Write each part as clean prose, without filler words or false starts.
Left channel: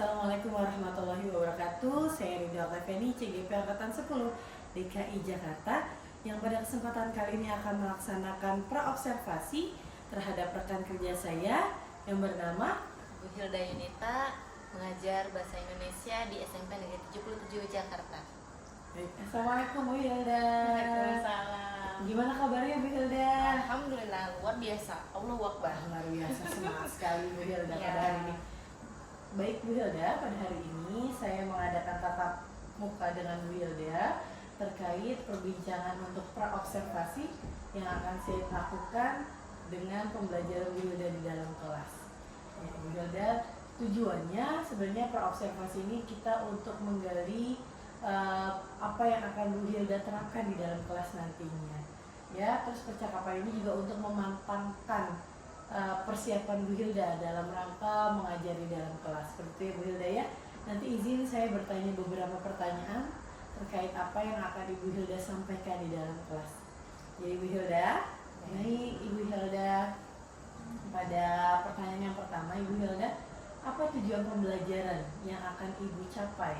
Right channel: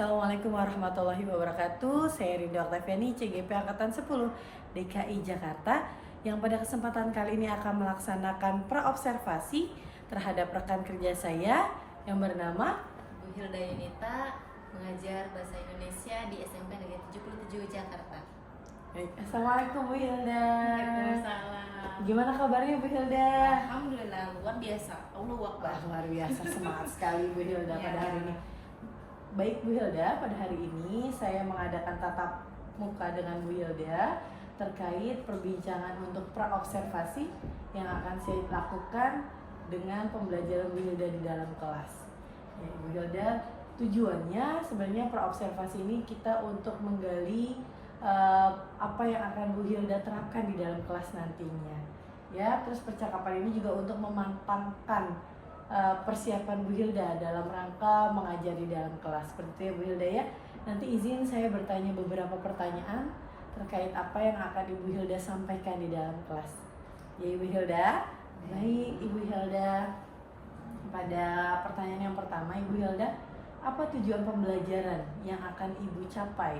Assalamualaikum warahmatullahi wabarakatuh. Saya Rinda Octaviani, CGP Angkatan 10 DKI Jakarta, yang pada kesempatan kali ini akan melaksanakan praobservasi terhadap rekan kerja saya yang bernama Bu Hilda Yunita, mengajar Bahasa Indonesia di SMP Negeri 77 Jakarta. Assalamualaikum Bu Hilda. Waalaikumsalam. Gimana kabarnya Bu Hilda? Alhamdulillah, luar biasa. Allahu Akbar. Luar biasa, semangat sekali Bu Hilda pada hari ini. Baik Bu Hilda, pada hari ini saya mengadakan tatap muka dengan Bu Hilda terkait perbincangan untuk praobservasi yang akan saya lakukan dengan pembelajaran Bu Hilda di dalam kelas. Ya, Bu Hilda, tujuannya sebenarnya praobservasi ini kita untuk menggali apa yang akan Bu Hilda terapkan di dalam kelas nantinya. Ya, terus percakapan ini juga untuk memantapkan persiapan Bu Hilda dalam rangka mengajar di dalam kelas. Seperti itu ya Bu Hilda ya. Nanti izin saya bertanya beberapa pertanyaan terkait apa yang akan Ibu Hilda sampaikan di dalam kelas. Jadi Bu Hilda, baik Ibu Hilda, pada pertanyaan yang pertama Ibu Hilda, apa tujuan pembelajaran yang akan Ibu capai?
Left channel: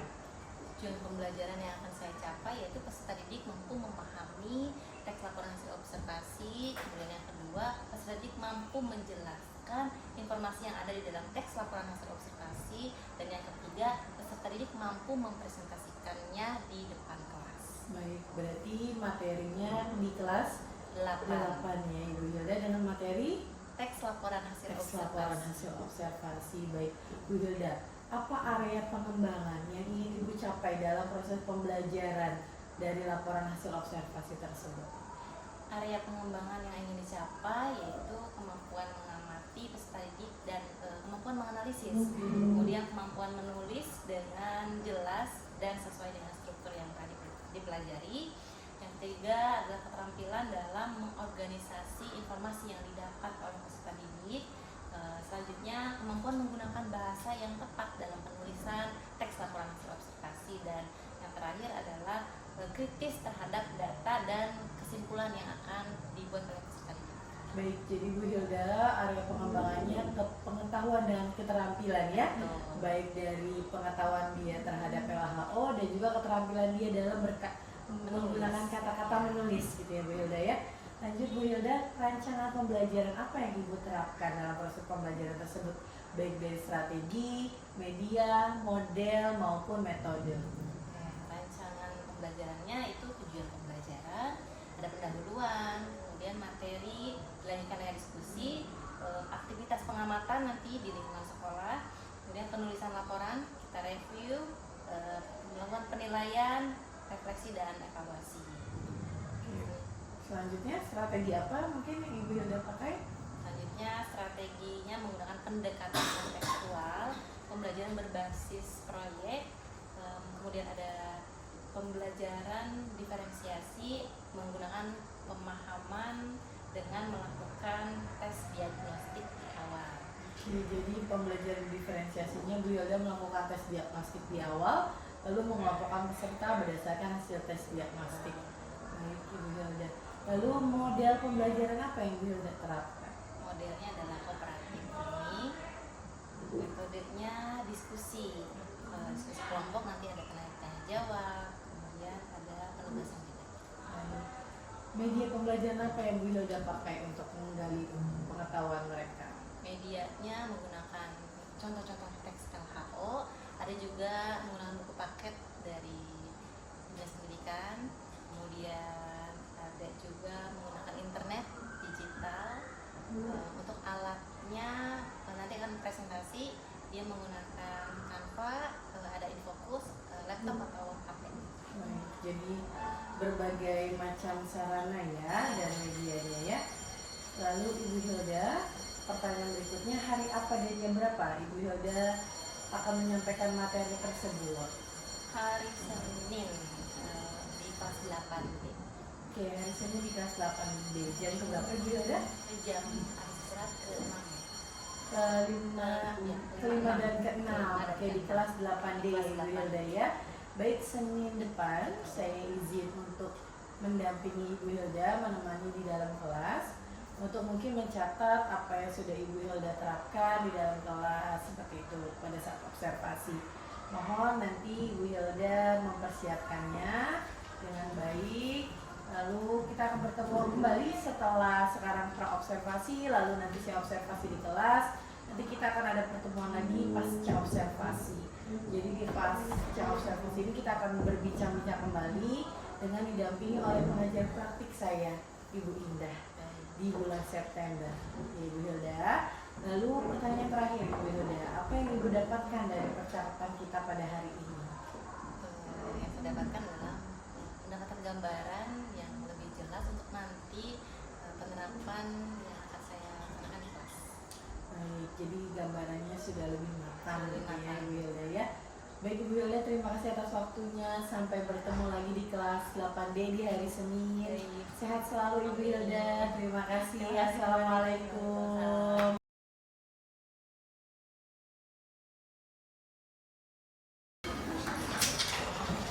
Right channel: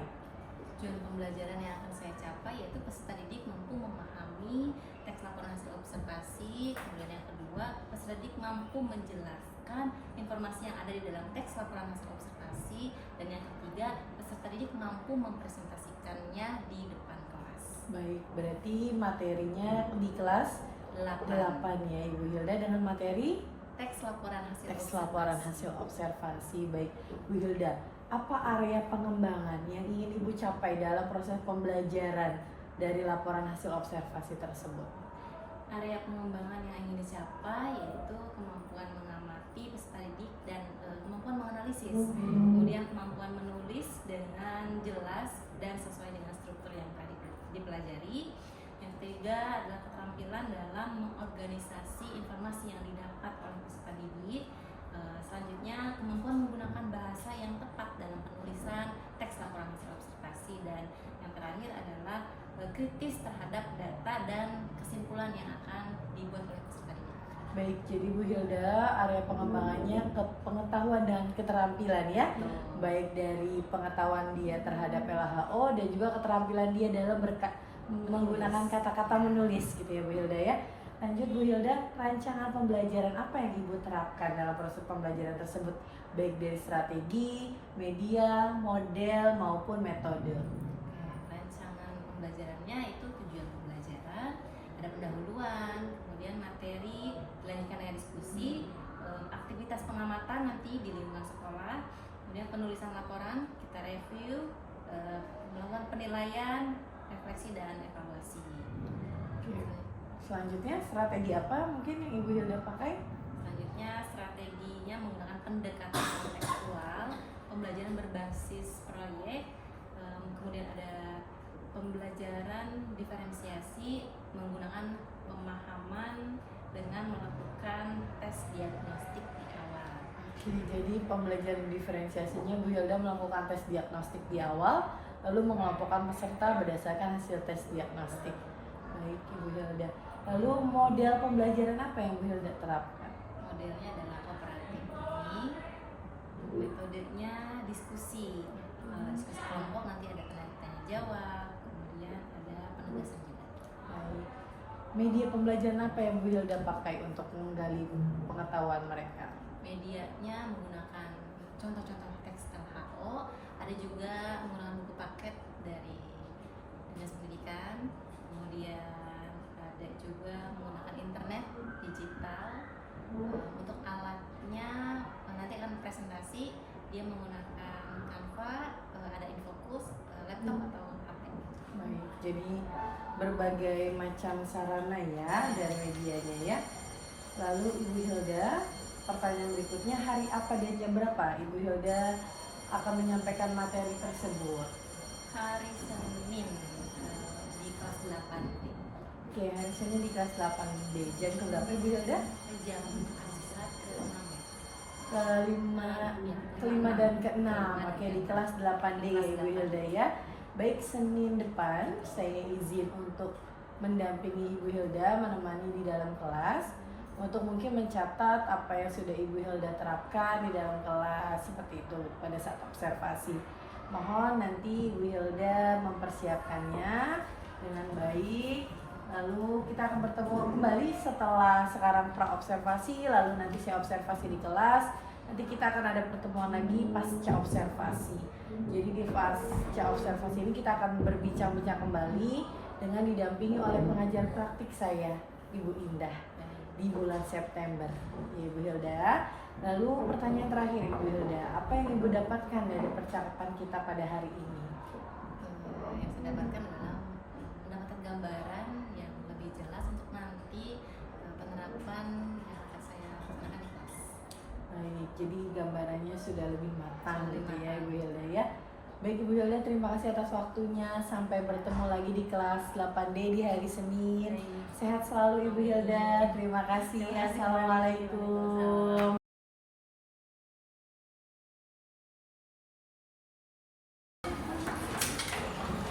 Tujuan pembelajaran yang akan saya capai yaitu peserta didik mampu memahami teks laporan hasil observasi. Kemudian yang kedua, peserta didik mampu menjelaskan informasi yang ada di dalam teks laporan hasil observasi. Dan yang ketiga, peserta didik mampu mempresentasikannya di depan kelas. Baik, berarti materinya di kelas 8 ya Ibu Hilda, dengan materi teks laporan hasil observasi. Baik Bu Hilda, apa area pengembangan yang ingin Ibu capai dalam proses pembelajaran dari laporan hasil observasi tersebut? Area pengembangan yang ingin dicapai yaitu kemampuan mengamati peserta didik dan kemampuan menganalisis, kemudian kemampuan menulis dengan jelas dan sesuai dengan struktur yang tadi dipelajari. Yang ketiga adalah keterampilan dalam mengorganisasi informasi yang didapat oleh peserta didik. Selanjutnya, kemampuan menggunakan bahasa yang tepat dalam penulisan teks laporan hasil observasi. Dan yang terakhir adalah kritis terhadap data dan kesimpulan yang akan dibuat oleh peserta didik. Baik, jadi Bu Hilda area pengembangannya ke pengetahuan dan keterampilan ya. Baik dari pengetahuan dia terhadap LHO dan juga keterampilan dia dalam menggunakan kata-kata menulis gitu ya Bu Hilda ya. Lanjut Bu Hilda, rancangan pembelajaran apa yang Ibu terapkan dalam proses pembelajaran tersebut, baik dari strategi, media, model maupun metode? Rancangan pembelajarannya itu tujuan pembelajaran, ada pendahuluan, kemudian materi, dilanjutkan dengan diskusi, aktivitas pengamatan nanti di lingkungan sekolah, kemudian penulisan laporan, kita review, melakukan penilaian, refleksi dan evaluasi. Oke. Selanjutnya strategi apa mungkin yang Ibu Hilda pakai? Selanjutnya strateginya menggunakan pendekatan kontekstual, pembelajaran berbasis proyek, kemudian ada pembelajaran diferensiasi menggunakan pemahaman dengan melakukan tes diagnostik di awal. Oke, jadi pembelajaran diferensiasinya Bu Hilda melakukan tes diagnostik di awal, lalu mengelompokkan peserta berdasarkan hasil tes diagnostik. Baik Ibu Hilda. Lalu model pembelajaran apa yang Bu Hilda terapkan? Modelnya adalah cooperative learning, metodenya diskusi, diskusi kelompok, nanti ada tanya jawab, kemudian ada penugasan juga. Baik. Media pembelajaran apa yang Bu Hilda pakai untuk menggali pengetahuan mereka? Medianya menggunakan contoh-contoh teks LHO, ada juga menggunakan buku paket dari Dinas Pendidikan, kemudian ada juga menggunakan internet digital. Untuk alatnya nanti akan presentasi, dia menggunakan Canva, ada Infocus, laptop atau tablet. Baik, jadi berbagai macam sarana ya dan medianya ya. Lalu Ibu Hilda, pertanyaan berikutnya, hari apa dan jam berapa Ibu Hilda akan menyampaikan materi tersebut? Hari Senin di kelas 8B. Oke, hari Senin di kelas 8B. Jam berapa Ibu Hilda? Jam istirahat kelima dan keenam. Oke, di kelas 8D ya Ibu Hilda ya. Baik, Senin depan saya izin untuk mendampingi Ibu Hilda, menemani di dalam kelas untuk mungkin mencatat apa yang sudah Ibu Hilda terapkan di dalam kelas seperti itu pada saat observasi. Mohon nanti Ibu Hilda mempersiapkannya dengan baik. Lalu kita akan bertemu kembali setelah sekarang pra-observasi, lalu nanti saya observasi di kelas. Nanti kita akan ada pertemuan lagi pasca observasi. Jadi di pasca observasi ini kita akan berbincang-bincang kembali dengan didampingi oleh pengajar praktik saya, Ibu Indah, di bulan September. Ibu Hilda. Lalu pertanyaan terakhir Ibu Hilda, apa yang Ibu dapatkan dari percakapan kita pada hari ini? Yang saya dapatkan adalah mendapatkan gambaran yang lebih jelas untuk nanti penerapan yang akan saya lakukan di kelas. Baik, jadi gambarannya sudah lebih matang Lebih gitu ya matang. Ibu Hilda ya. Baik Ibu Hilda, terima kasih atas waktunya. Sampai bertemu lagi di kelas 8D di hari Senin. Sehat selalu Ibu Hilda. Terima kasih. Assalamualaikum.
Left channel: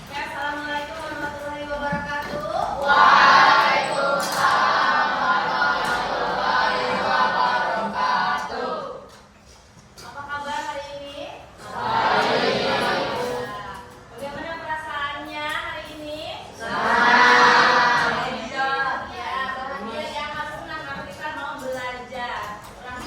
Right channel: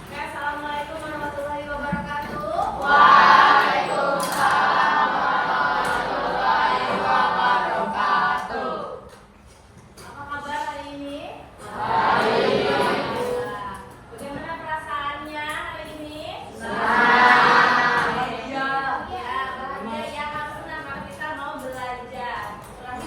Assalamualaikum warahmatullahi wabarakatuh. Apa kabar hari ini? Bagaimana perasaannya hari ini? Ya, bahagia ya, Mas senang karena kita mau belajar. Kurang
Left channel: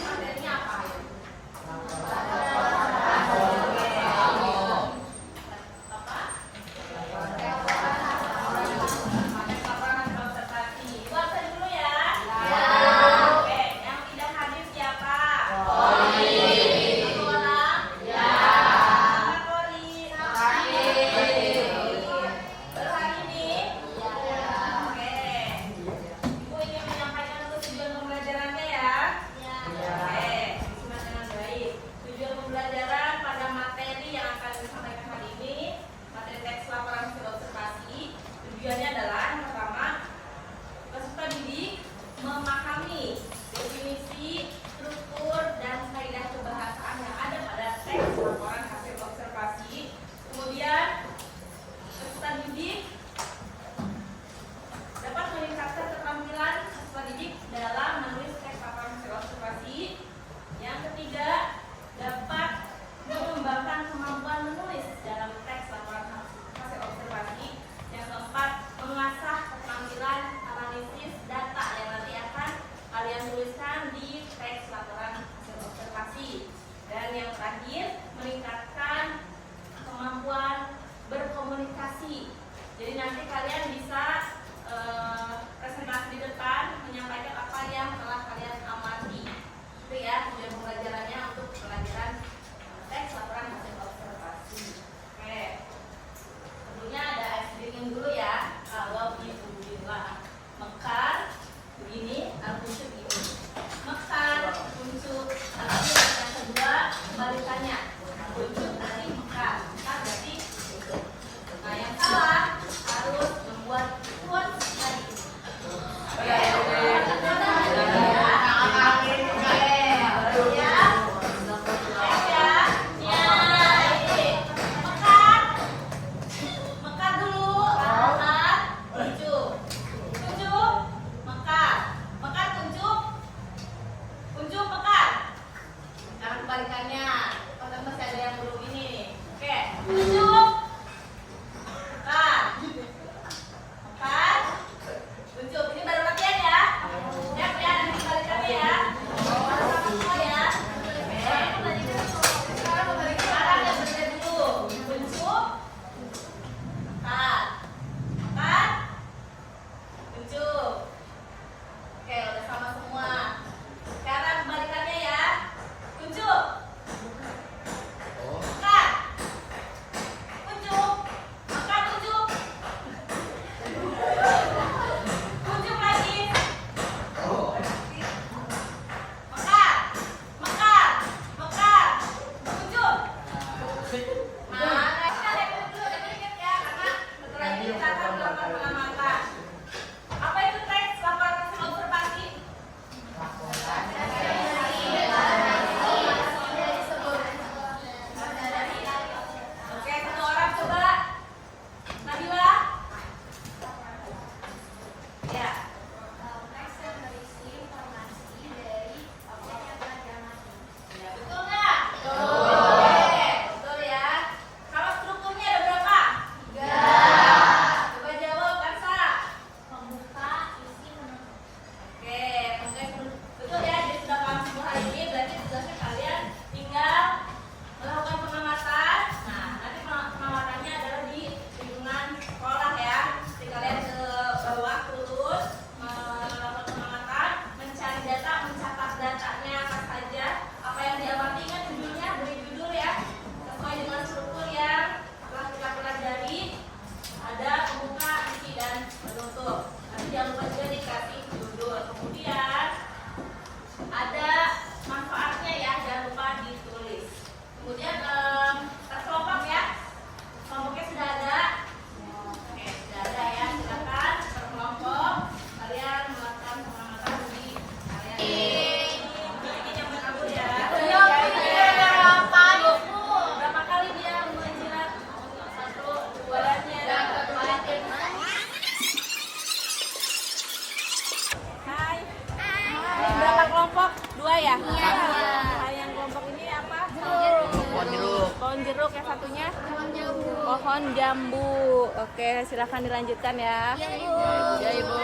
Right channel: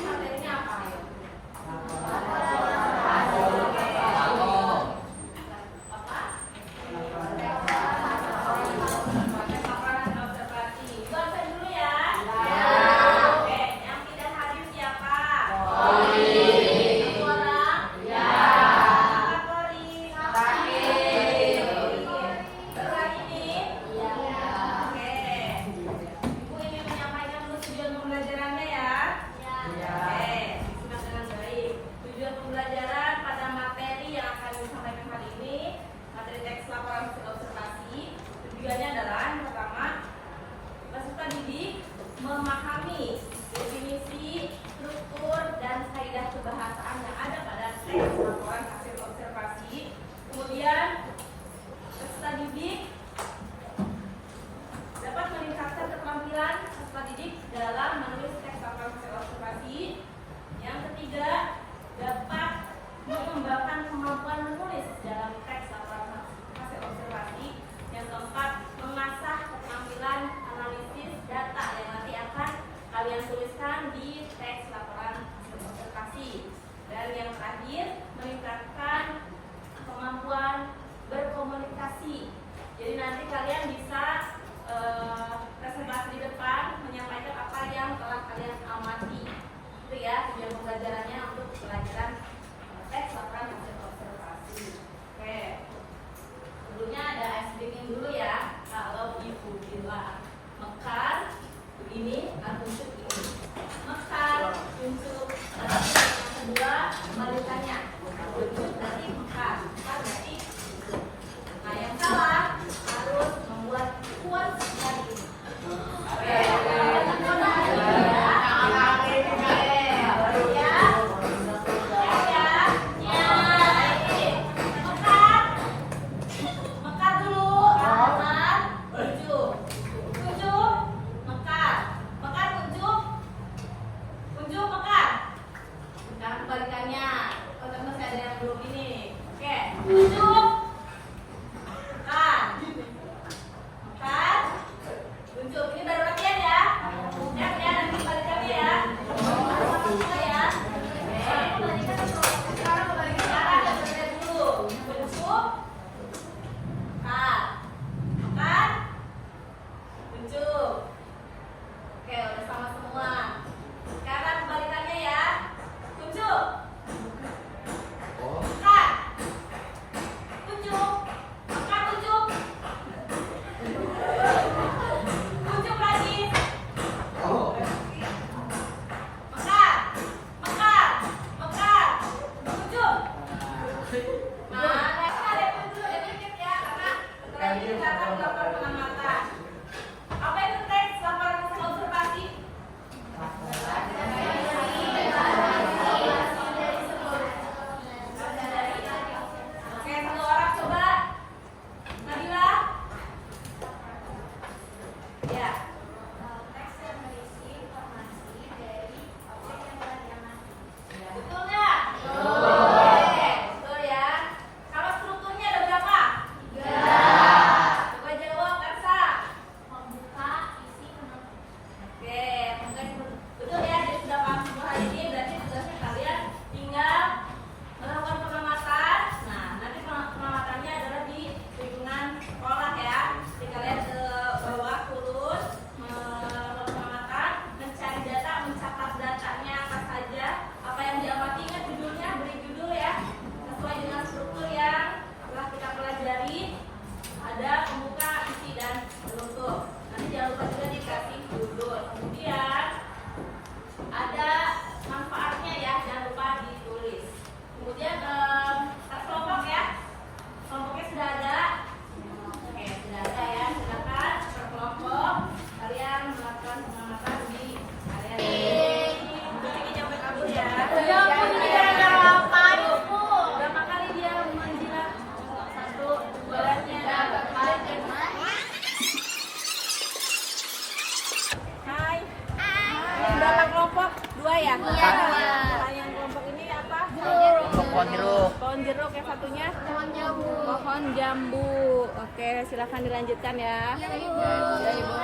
Pohon jeruk, yang satunya? Pohon jambu. Pohon jambu. Oke, silahkan dilanjutkan ya. Ya, Ibu. Ya, Ibu.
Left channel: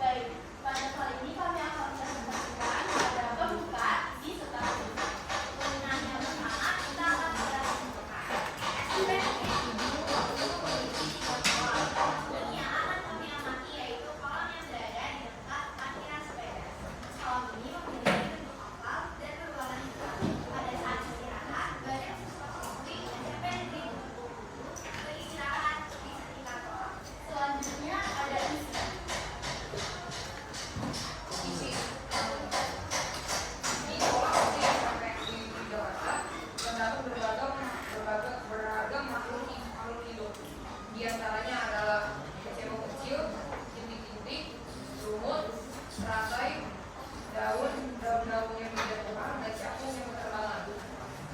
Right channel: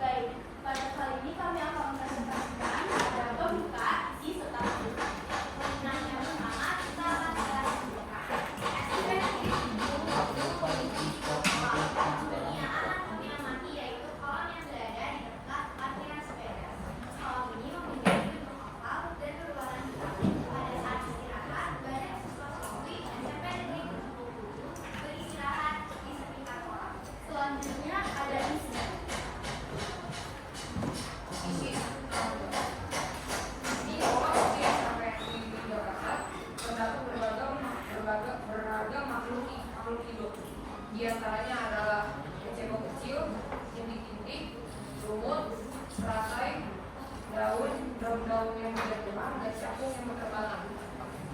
Baik, pada kali ini kami akan mempresentasikan pembuka isi setelah penggunaan yang pertama kita akan yaitu kolam yang berada di dekat parkiran sepeda. Kolam ini memiliki bentuk oval dan berwarna hitam. Pada saat istirahat, banyak siswa kemudi mencapai di beristirahat di sekitar kolam. Selanjutnya ada isi. Di antaranya adalah cebong kecil, jentik-jentik, lumut, teratai, daun-daun yang berjatuhan, dan capung yang berterbangan.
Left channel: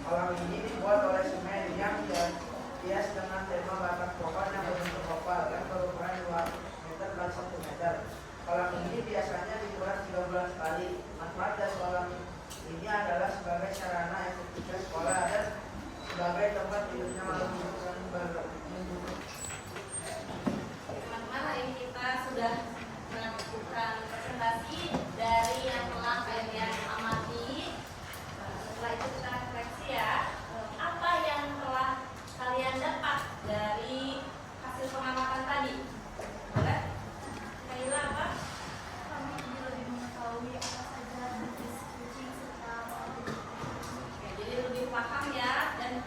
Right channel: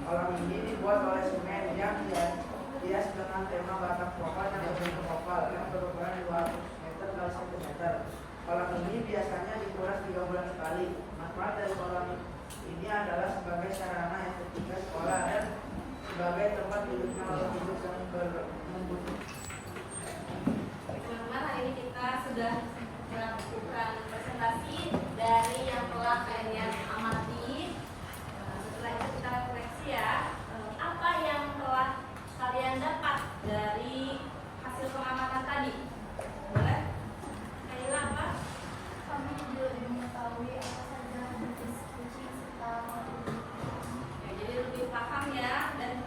Kolam ini dibuat oleh semen yang dihias dengan tema batak pohon yang berbentuk oval yang berukuran 2 meter x 1 meter. Kolam ini biasanya dibuat 3 bulan sekali. Manfaat dari kolam ini adalah sebagai sarana efektivitas sekolah dan sebagai tempat hidupnya makhluk hidup yang membutuhkan. Teman-teman, hari ini kita sudah melakukan presentasi dari yang telah kalian amati. Setelah itu kita refleksi ya, apa yang telah kalian dapat dari hasil pengamatan tadi? Boleh? Kaila apa? Kami lebih mengetahui apa saja jenis kucing serta Oke, jadi lebih paham ya dan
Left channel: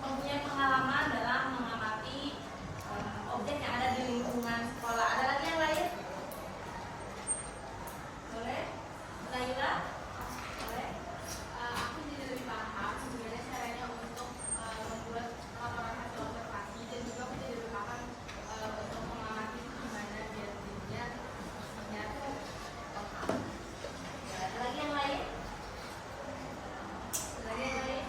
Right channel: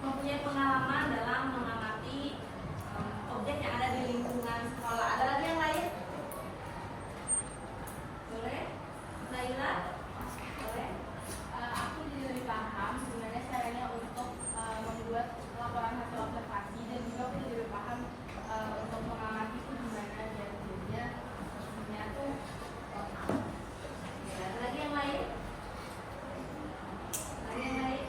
mempunyai pengalaman dalam mengamati objek yang ada di lingkungan sekolah. Ada lagi yang lain? Boleh? Laila? Boleh? aku jadi lebih paham sebenarnya caranya untuk membuat laporan hasil observasi dan juga aku jadi lebih paham untuk mengamati itu gimana biar jadinya tuh Ada lagi yang lain? Ada lagi yang lain?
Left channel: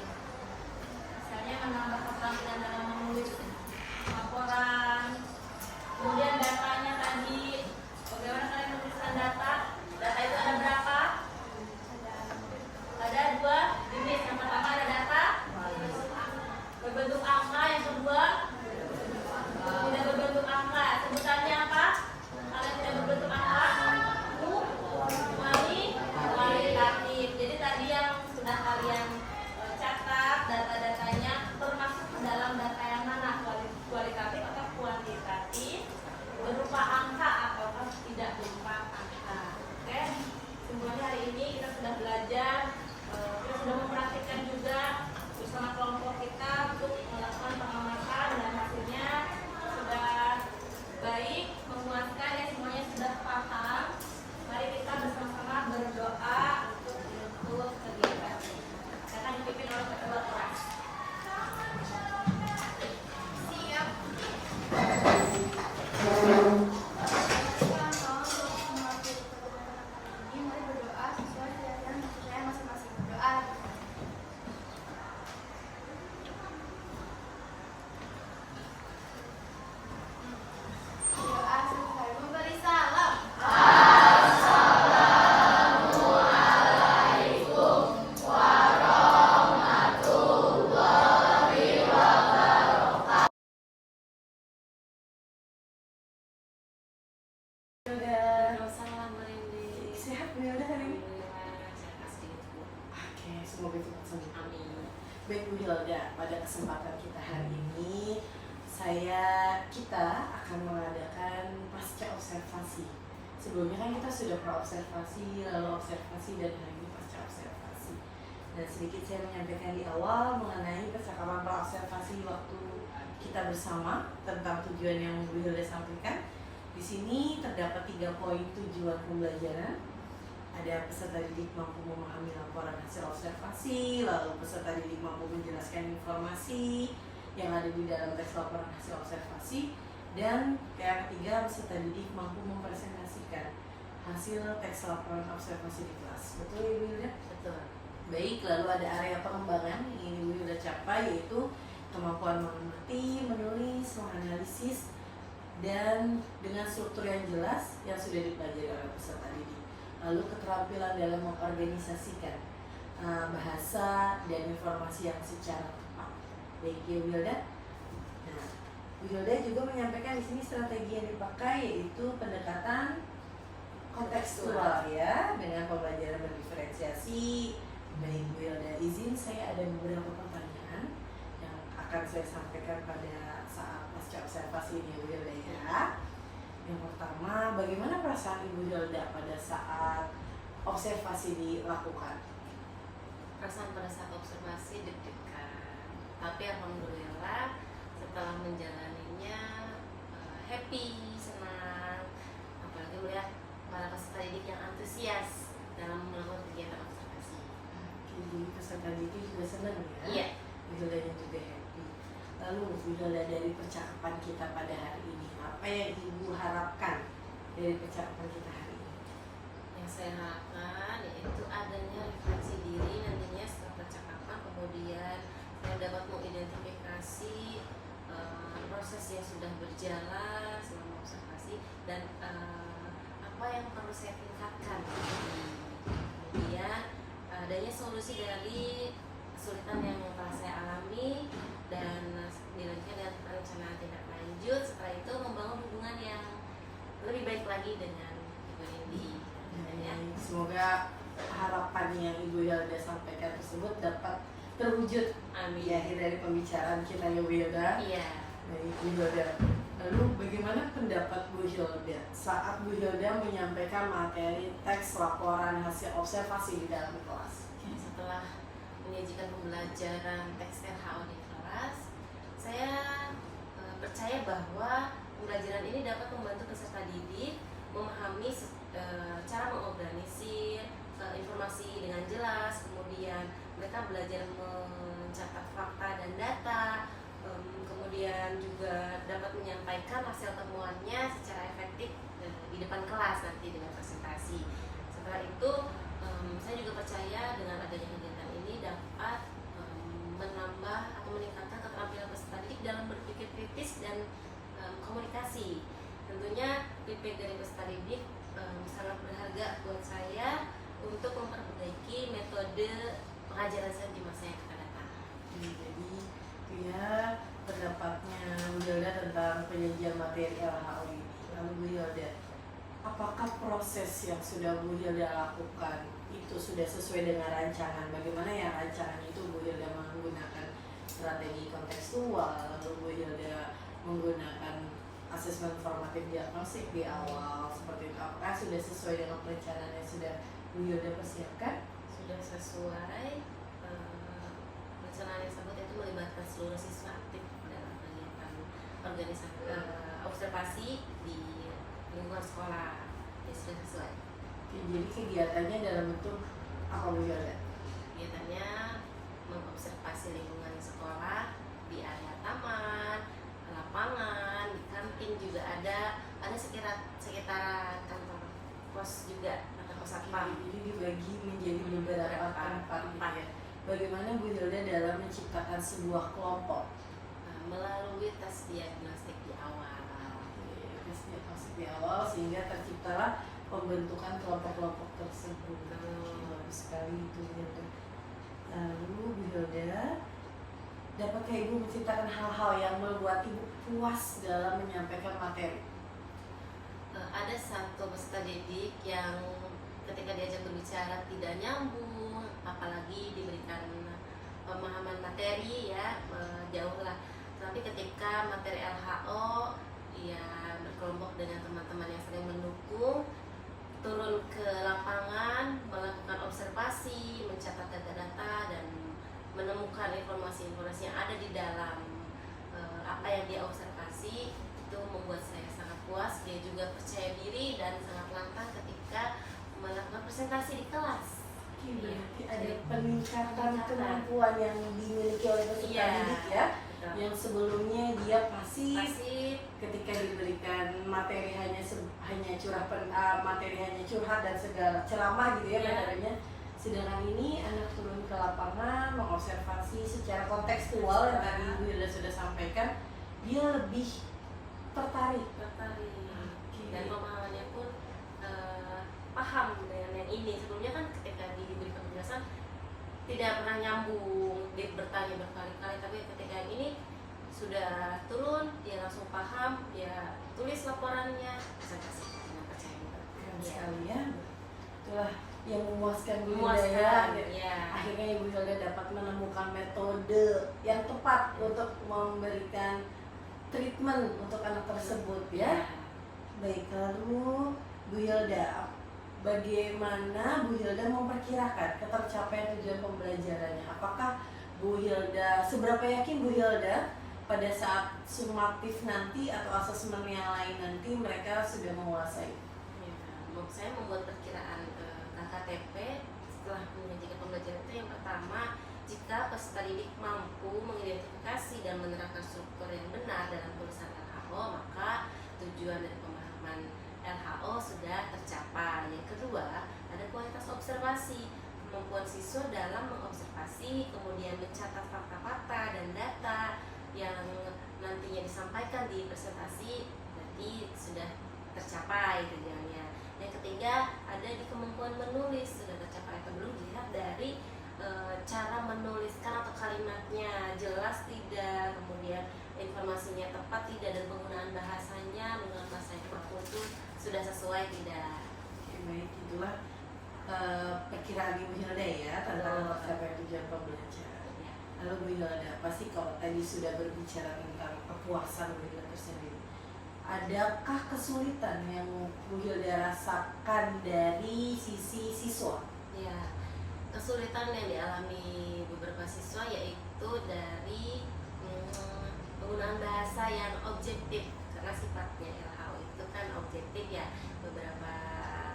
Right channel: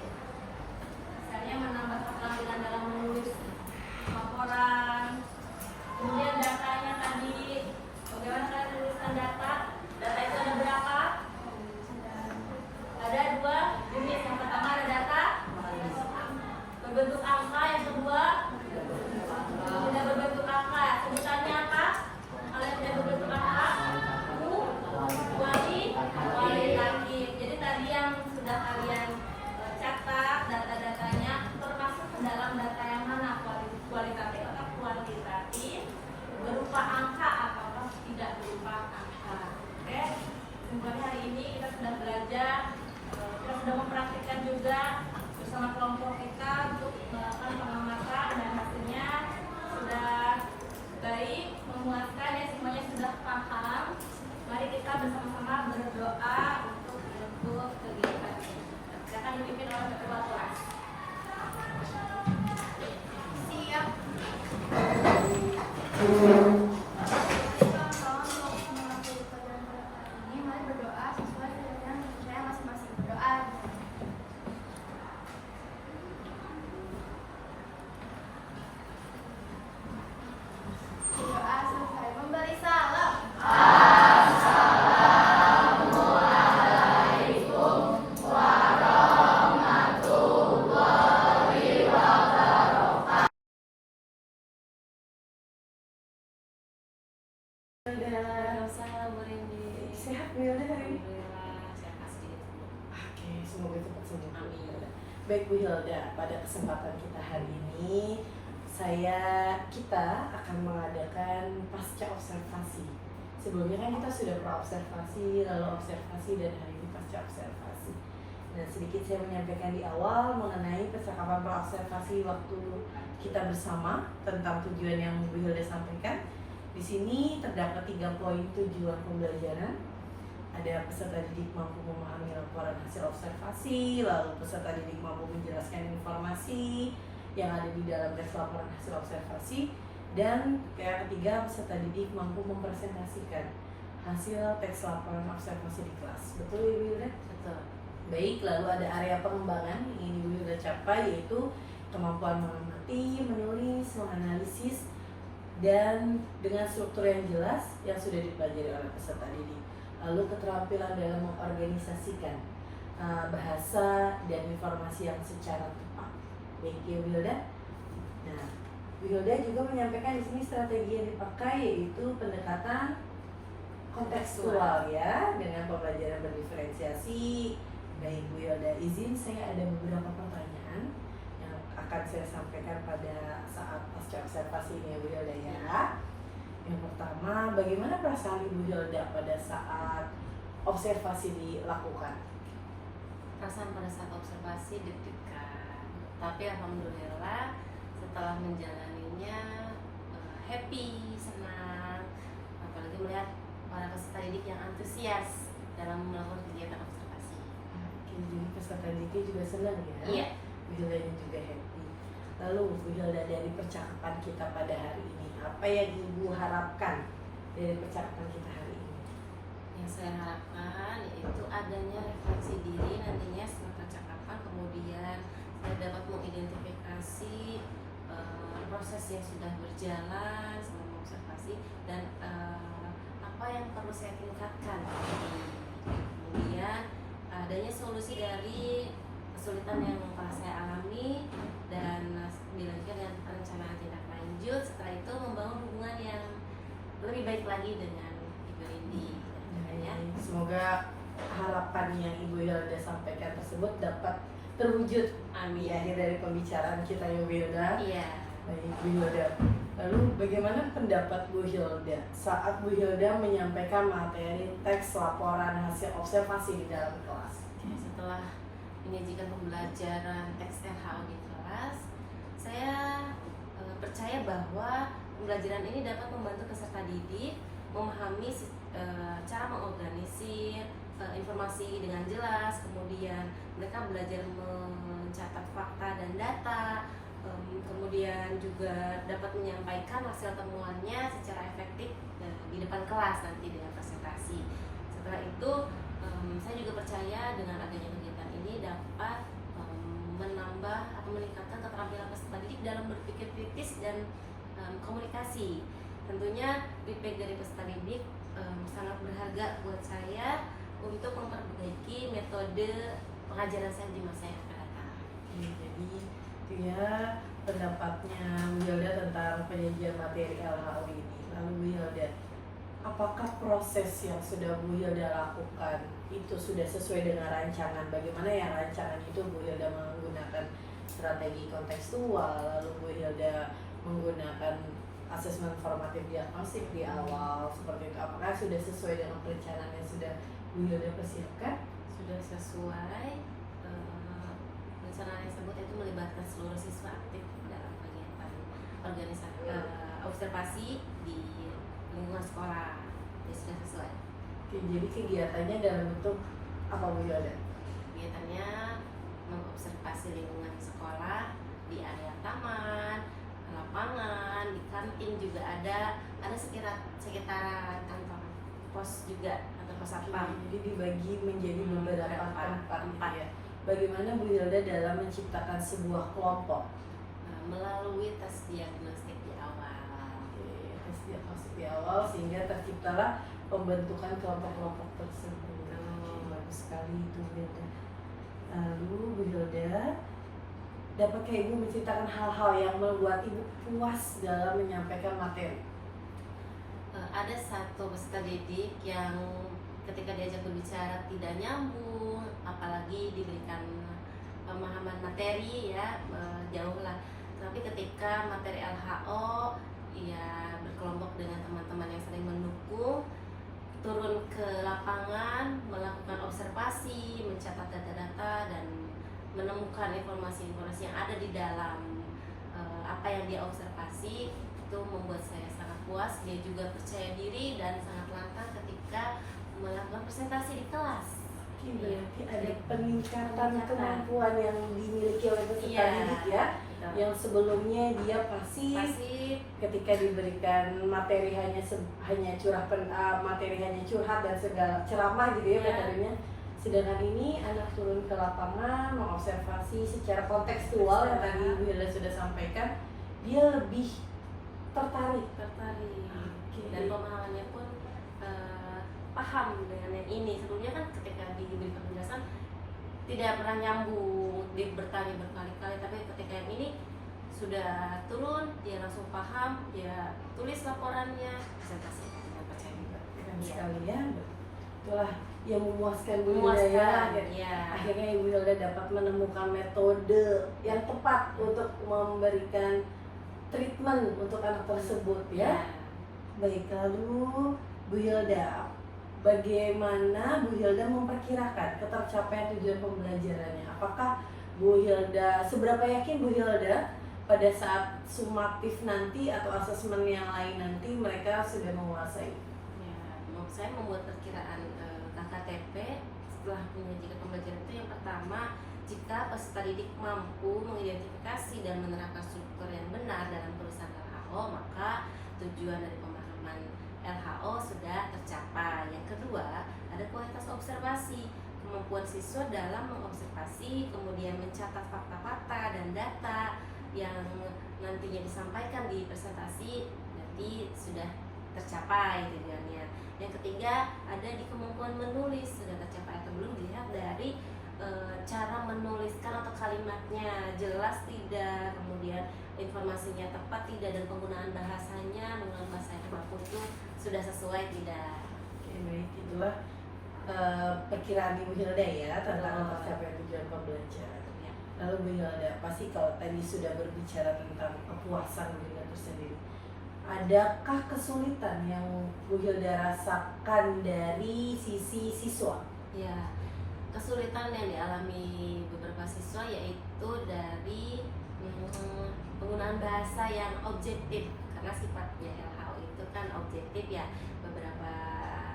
Misalnya menambah keterampilan dalam menulis laporan. Kemudian datanya tadi, bagaimana kalian menuliskan data? Data itu ada berapa? Ada 2 jenis. Yang pertama ada data berbentuk angka, yang kedua tidak berbentuk angka. Sebutannya apa? Kalau yang tidak berbentuk angka, kualitatif. Jadi tadi yang sudah kalian catat data-datanya termasuk ke dalam data yang mana, kualitatif atau kuantitatif, berupa angka ataukah tidak berupa angka. Oke, kesimpulannya hari ini kita sudah belajar, kita sudah mempraktikkan juga bersama kelompok kita untuk melakukan pengamatan dan hasilnya sudah baik, memuaskan ya, semuanya sudah paham. Mari kita bersama-sama berdoa untuk menutup kegiatan. Akan dipimpin oleh ketua kelas. siap. Ini mari berdoa sesuai keyakinan dan percaya masing-masing. Berdoa. Berdoa selesai memberi salam. Wilda, sehat Wilda hari ini? Oke, semoga cepat sembuh. Amin. Baik Bu Hilda, pada kesempatan kita hari ini kita akan mengadakan pasca observasi. Sebelumnya kan kita sudah pra-observasi, lalu observasi, dan hari ini pasca observasi. Dan sedikit saya menyampaikan di awal mengenai percakapan pra-observasi waktu kita bersama tentang tujuan yang Bu Hilda sampaikan. Di sini terdapat 3 poin tujuan pembelajaran. Ada peserta didik mampu memahami laporan hasil observasi, lalu peserta didik mampu menjelaskan informasi yang ada di dalam teks laporan hasil observasi, dan yang ketiga peserta didik mampu mempresentasikan hasil teks laporan observasi di kelas. Betul ya Ibu Hilda? Betul. Baik, lalu ada area pengembangan yang ingin Ibu Hilda capai, yaitu kemampuan mengamati, menulis, menganalisis, dan dengan struktur yang jelas yang sudah dipelajari oleh peserta didik. lalu keterampilan dalam mengorganisasikan bahasa dan informasi yang secara tepat. Baik ya Wilda. Nah, Wilda juga menyampaikan di sini strategi yang dipakai yaitu pendekatan kontekstual ya, dengan pembelajaran berdiferensiasi. Baik Wilda, izin saya ada beberapa pertanyaan yang akan saya sampaikan pada saat pasca observasi ini ya Wilda ya. Yang pertama, bagaimana perasaan Ibu Hilda pada saat observasi dilakukan? Perasaan pada saat observasi deg-degan, tapi alhamdulillah setelah menjalaninya happy, senang, apalagi melihat para peserta didik yang antusias dalam melakukan kegiatan observasi. Oke, jadi peserta didik juga senang ya? Iya. Bu Hilda juga happy. Lalu Bu Hilda, dari percakapan kita pada hari ini, apa yang Ibu harapkan dari percakapan kita hari ini? Yang saya harapkan yaitu adanya refleksi diri nantinya setelah percakapan, kemudian saya dapat mengidentifikasi proses yang sudah berjalan selama observasi dan apa yang perlu saya tingkatkan. Kemudian adanya solusi dari kesulitan yang telah saya alami dan dilanjutkan dengan perencanaan tindak lanjut. Setelah itu membangun hubungan yang lebih baik lagi dengan Ibu Indi. Ya. Semoga harapan yang Ibu Hilda sampaikan tersebut dapat terwujud di akhir dari pembicaraan kita ya Bu Hilda. Iya. Baik Bu Hilda. Lalu bagaimana pendapat Bu Hilda saat Bu Hilda menyampaikan materi teks laporan hasil observasi di dalam kelas? Setelah menyajikan pembelajaran teks LHO di kelas, saya percaya bahwa pembelajaran ini dapat membantu peserta didik memahami cara mengorganisir informasi dengan jelas, kemudian mereka belajar mencatat fakta dan data, kemudian juga dapat menyampaikan hasil temuannya secara efektif di depan kelas nanti dengan presentasi. Setelah itu saya juga percaya dengan adanya kegiatan ini dapat menambah atau meningkatkan keterampilan peserta didik dalam berpikir kritis dan komunikasi. Tentunya feedback dari peserta didik sangat berharga buat saya untuk memperbaiki metode pengajaran saya di masa yang akan datang. Jadi itu ya pendapatnya Bu Hilda tentang penyajian materi LHO ini. Lalu Bu Hilda, apakah proses yang sudah Bu Hilda lakukan itu sudah sesuai dengan rancangan? Bagaimana yang rancangan itu Bu Hilda menggunakan strategi kontekstual, lalu Bu Hilda menggunakan asesmen formatif diagnostik di awal seperti itu. Apakah sudah sesuai dengan perencanaan yang sudah Bu Hilda persiapkan? Sudah sesuai. Perencanaan tersebut itu melibatkan seluruh siswa aktif dalam kegiatan organisasi observasi di lingkungan sekolah. Ya, sudah sesuai. Oke, jadi kegiatannya dalam bentuk apa Bu Hilda? Kegiatannya mengobservasi lingkungan sekolah di area taman, lapangan, di kantin juga ada sekitaran kantor pos juga atau pos satpam. Jadi dibagi menjadi beberapa tempat gitu ya. Bagaimana Bu Hilda dalam menciptakan sebuah kelompok? Melalui tes diagnostik di awal. Oke, tes diagnostik di awal sehingga terciptalah pembentukan kelompok-kelompok tersebut. Bagus sekali itu Bu Hilda. Lalu Bu Hilda, dapatkah Ibu menceritakan hal-hal yang membuat Ibu puas dalam menyampaikan materi? Ada satu peserta didik yang ketika diajak berbicara tidak nyambung, apalagi diberikan pemahaman materi ya jauh lah. Tapi ketika materi LHO, ia berkelompok dengan teman-teman yang sering mendukung, turun ke lapangan, melakukan observasi, mencatat data-data dan menemukan informasi-informasi yang ada di dalam apa yang dia observasi, itu membuat saya sangat puas. Dia juga percaya diri dan sangat lantang ketika melakukan presentasi di kelas. Oke, berarti ada peningkatan kemampuan yang dimiliki oleh peserta didik ya. Betul. Yang sebelumnya dia pasif, ketika diberikan materi hanya materi hanya curhat dan segala ceramah gitu ya materinya. Sedangkan ini anak turun ke lapangan mengobservasi secara kontekstual yang tadi Ibu Hilda sudah sampaikan, dia lebih tertarik. Dan pemahamannya pun paham paham dengan yang ini. Sebelumnya kan ketika diberi penjelasan tidak pernah nyambung, dia bertanya berkali-kali, tapi ketika yang ini sudah turun, dia langsung paham, dia tulis laporannya, presentasi dengan percaya diri. Keren Iya. sekali ya. Itulah yang memuaskan Bu Hilda Memuaskan, ya. ya. Akhirnya Ibu Hilda dapat menemukan metode yang tepat untuk memberikan treatment untuk anak tersebut ya. Baik, lalu Bu Hilda, bagaimana Bu Hilda memperkirakan ketercapaian tujuan pembelajarannya? Apakah Bu Hilda, seberapa yakin Bu Hilda pada saat sumatif nanti atau asesmen yang lain nanti mereka sudah menguasai? Ya, saya membuat perkiraan KKTP setelah menyajikan pembelajaran itu yang pertama, jika peserta didik mampu mengidentifikasi dan menerapkan struktur yang benar dalam tulisan LHO, maka tujuan dari pemahaman LHO sudah tercapai. Yang kedua, ada kualitas observasi, kemampuan siswa dalam mengobservasi, kemudian mencatat fakta-fakta dan data yang nantinya disampaikan di presentasi, berarti sudah tercapai tujuannya. Yang ketiga, ada di kemampuan menulis, sudah tercapai atau belum dilihat dari cara menuliskan atau kalimatnya jelas tidak, kemudian informasinya tepat tidak, dan penggunaan bahasanya menggunakan bahasa yang baku itu sudah sesuai tidak. Oke, baik, itulah perkiraan Ibu Hilda ya tentang Betul. tercapaian tujuan pembelajaran. Ya. Lalu Bu Hilda, pasti kalau tadi sudah berbicara tentang kepuasan Bu Hilda tersendiri, adakah kesulitan yang Bu Hilda rasakan dari sisi siswa? Ya, kesulitan yang dialami beberapa siswa yaitu dari penggunaan bahasa yang objektif, karena sifatnya LHO itu kan objektif ya. Beberapa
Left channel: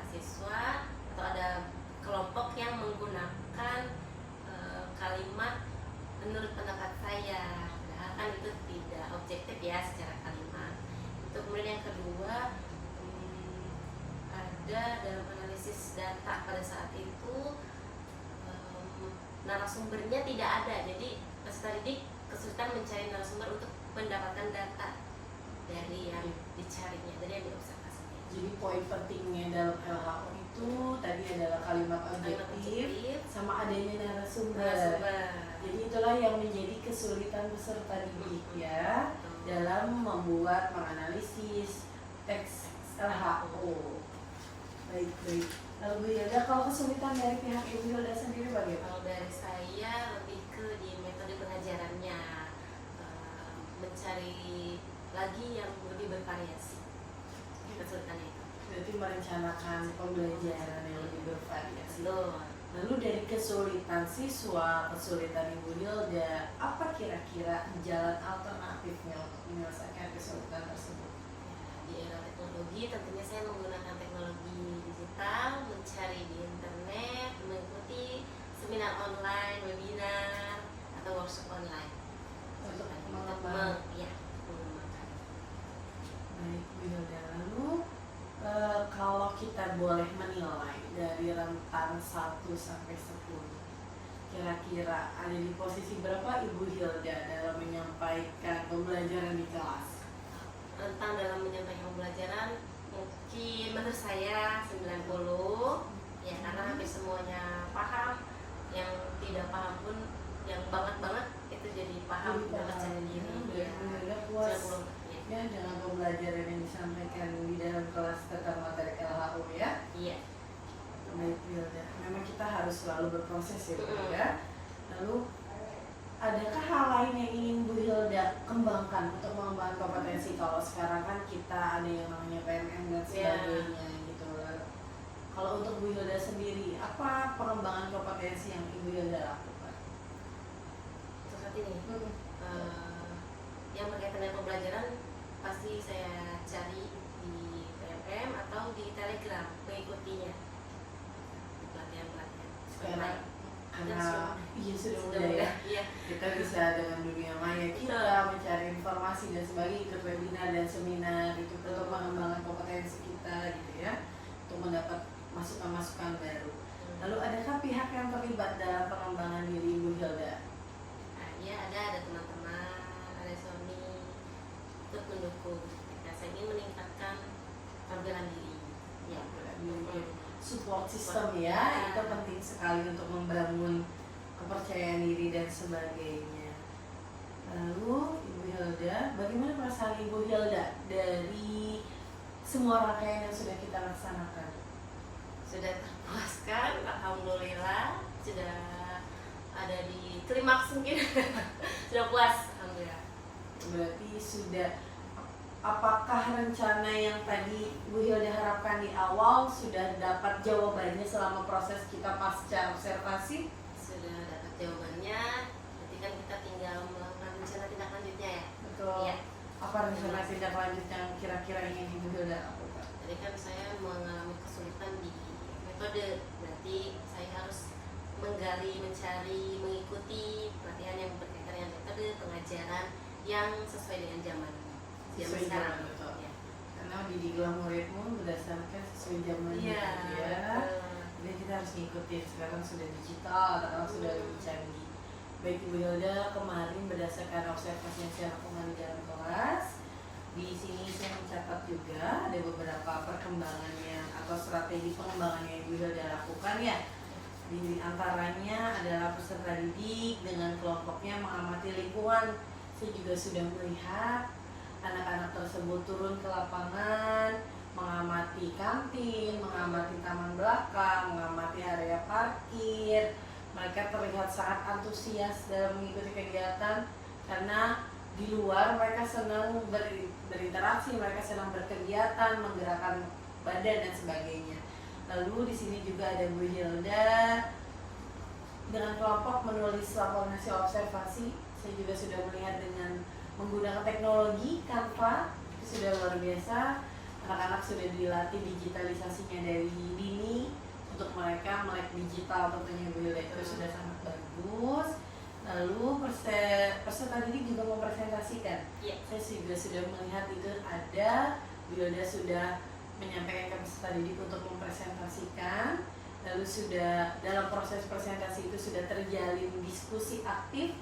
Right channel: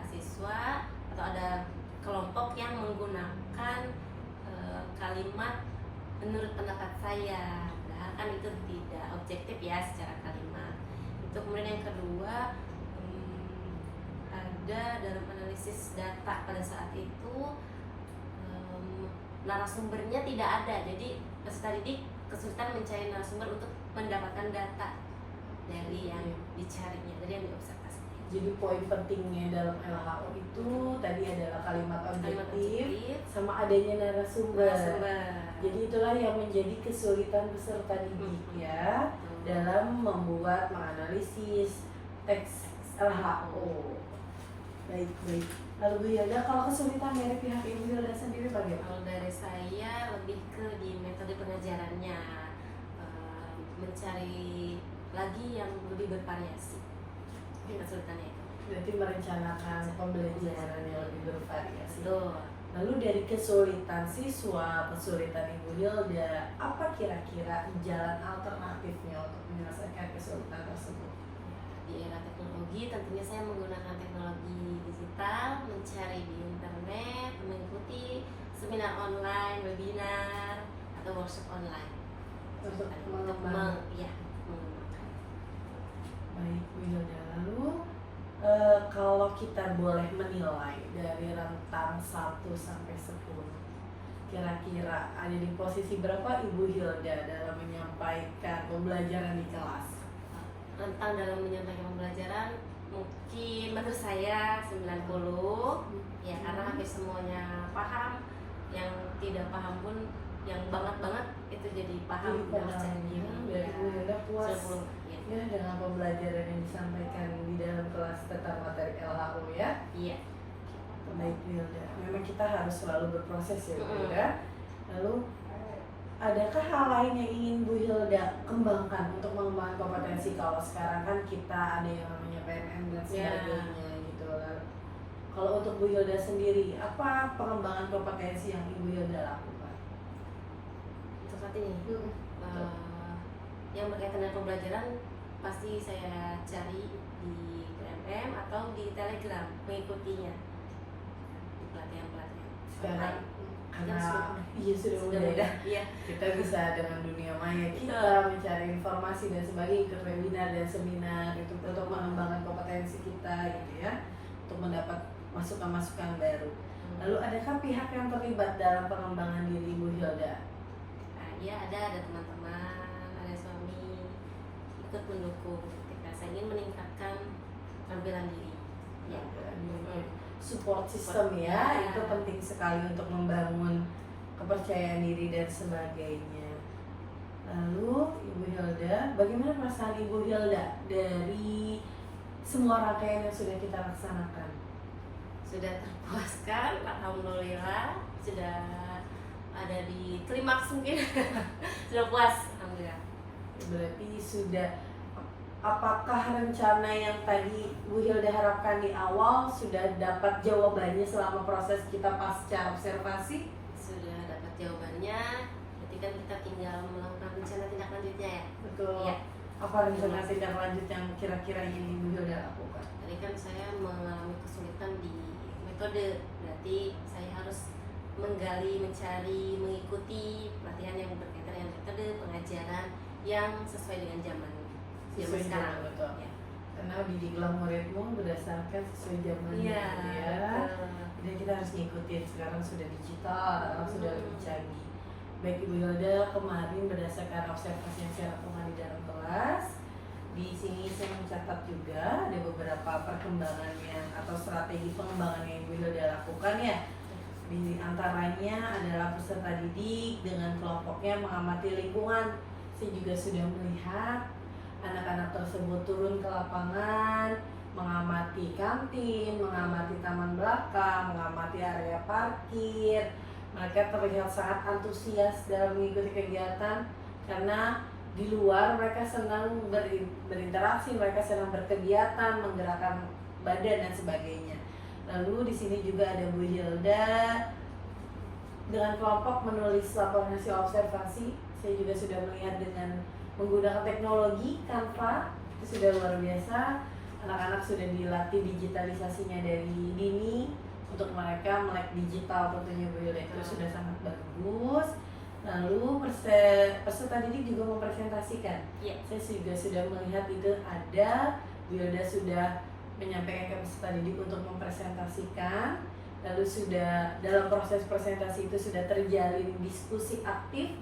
siswa atau ada kelompok yang menggunakan kalimat menurut pendapat saya, nah kan itu tidak objektif ya secara kalimat. Itu kemudian yang kedua, ada dalam analisis data pada saat itu narasumbernya tidak ada, jadi peserta didik kesulitan mencari narasumber untuk mendapatkan data dari yang dicarinya, dari yang diobservasinya. Jadi poin pentingnya dalam LHO itu tadi adalah kalimat objektif sama adanya narasumber. Jadi itulah yang menjadi kesulitan peserta didik ya dalam membuat menganalisis teks LHO. Baik. Lalu Bu Hilda, kalau kesulitan dari pihak Ibu Hilda sendiri bagaimana? Kalau dari saya lebih ke di metode pengajarannya, mencari lagi yang lebih bervariasi. Kesulitannya itu. Berarti merencanakan pembelajaran yang lebih bervariasi. Betul. Lalu dari kesulitan siswa, kesulitan Ibu Hilda, apa kira-kira jalan alternatifnya untuk menyelesaikan kesulitan tersebut? Di era teknologi tentunya saya menggunakan teknologi digital, mencari di internet, mengikuti seminar online, webinar, atau workshop online Untuk mengembangkan. Baik Bu Hilda, lalu kalau kita boleh menilai dari rentang 1 sampai 10, kira-kira ada di posisi berapa Ibu Hilda dalam menyampaikan pembelajaran di kelas? Rentang dalam menyampaikan pembelajaran mungkin menurut saya 90 ya, karena hampir semuanya paham, yang tidak paham pun yang banget itu jadi paham dan percaya diri. Berarti Bu Hilda puas 90 ya. ya dengan pembelajaran yang disampaikan di dalam kelas tentang materi LHO ya. Iya. Baik Bu Hilda, memang kita harus selalu berproses ya Bu Hilda. Lalu adakah hal lain yang ingin Bu Hilda kembangkan untuk mengembangkan kompetensi? Kalau sekarang kan kita ada yang namanya PNM dan sebagainya gitu lah. Kalau untuk Bu Hilda sendiri, apa pengembangan kompetensi yang Ibu Hilda lakukan? Untuk saat ini yang berkaitan dengan pembelajaran pasti saya cari di PMM atau di Telegram, mengikutinya di pelatihan-pelatihan. Sekarang karena Dan sudah ya. Iya. Kita bisa dengan dunia maya kita mencari informasi dan sebagainya, ikut webinar dan seminar itu untuk mengembangkan kompetensi kita gitu ya, untuk mendapat masukan-masukan baru. Lalu adakah pihak yang terlibat dalam pengembangan diri Ibu Hilda? Ya ada teman-teman, ada suami ikut mendukung ketika saya ingin meningkatkan tampilan diri. Ya, support system ya, itu penting sekali untuk membangun kepercayaan diri dan sebagainya. Lalu Ibu Hilda, bagaimana perasaan Ibu Hilda dari semua rangkaian yang sudah kita laksanakan? Sudah terpuaskan, alhamdulillah. Sudah ada di klimaks mungkin. Sudah puas, alhamdulillah. Berarti sudah, apakah rencana yang tadi Bu Hilda harapkan di awal sudah dapat jawabannya selama proses kita pasca observasi? Sudah dapat jawabannya. Berarti kan kita tinggal melakukan rencana tindak lanjutnya ya. Betul. Iya. Apa rencana tindak lanjut yang kira-kira ingin Ibu Hilda lakukan? Tadi kan saya mengalami kesulitan di metode, berarti saya harus menggali, mencari, mengikuti pelatihan yang berkaitan dengan metode pengajaran yang sesuai dengan zaman Sesuai sekarang. zaman, betul. Ya. Karena didiklah muridmu berdasarkan sesuai zamannya Iya, gitu ya. betul. Jadi kita harus ngikutin, sekarang sudah digital, sekarang sudah lebih canggih. Baik Ibu Hilda, kemarin berdasarkan observasi yang saya lakukan di dalam kelas, di sini saya mencatat juga ada beberapa perkembangan yang atau strategi pengembangan yang Ibu Hilda lakukan ya. Di antaranya adalah peserta didik dengan kelompoknya mengamati lingkungan. Saya juga sudah melihat anak-anak tersebut turun ke lapangan, mengamati kantin, mengamati taman belakang, mengamati area parkir. Mereka terlihat sangat antusias dalam mengikuti kegiatan karena di luar mereka senang berinteraksi, mereka senang berkegiatan, menggerakkan badan dan sebagainya. Lalu di sini juga ada Bu Hilda dengan kelompok menulis laporan hasil observasi. Saya juga sudah melihat dengan menggunakan teknologi Canva, itu sudah luar biasa. Anak-anak sudah dilatih digitalisasinya dari dini untuk mereka melek digital, tentunya Bu Hilda itu sudah sangat bagus. Lalu peserta didik juga mempresentasikan. Iya. Saya juga sudah melihat itu ada, Bu Hilda sudah menyampaikan ke peserta didik untuk mempresentasikan. Lalu sudah dalam proses presentasi itu sudah terjalin diskusi aktif,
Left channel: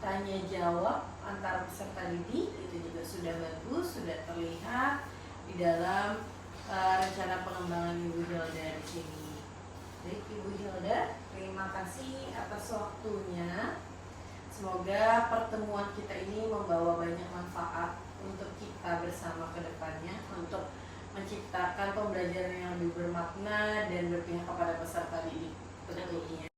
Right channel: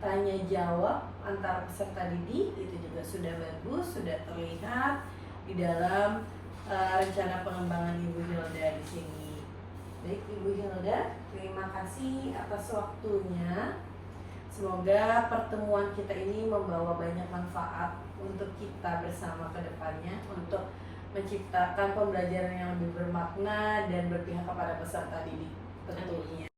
tanya jawab antara peserta didik, itu juga sudah bagus, sudah terlihat di dalam rencana pengembangan Ibu Hilda di sini. Baik Ibu Hilda, terima kasih atas waktunya. Semoga pertemuan kita ini membawa banyak manfaat untuk kita bersama ke depannya untuk menciptakan pembelajaran yang lebih bermakna dan berpihak kepada peserta didik tentunya.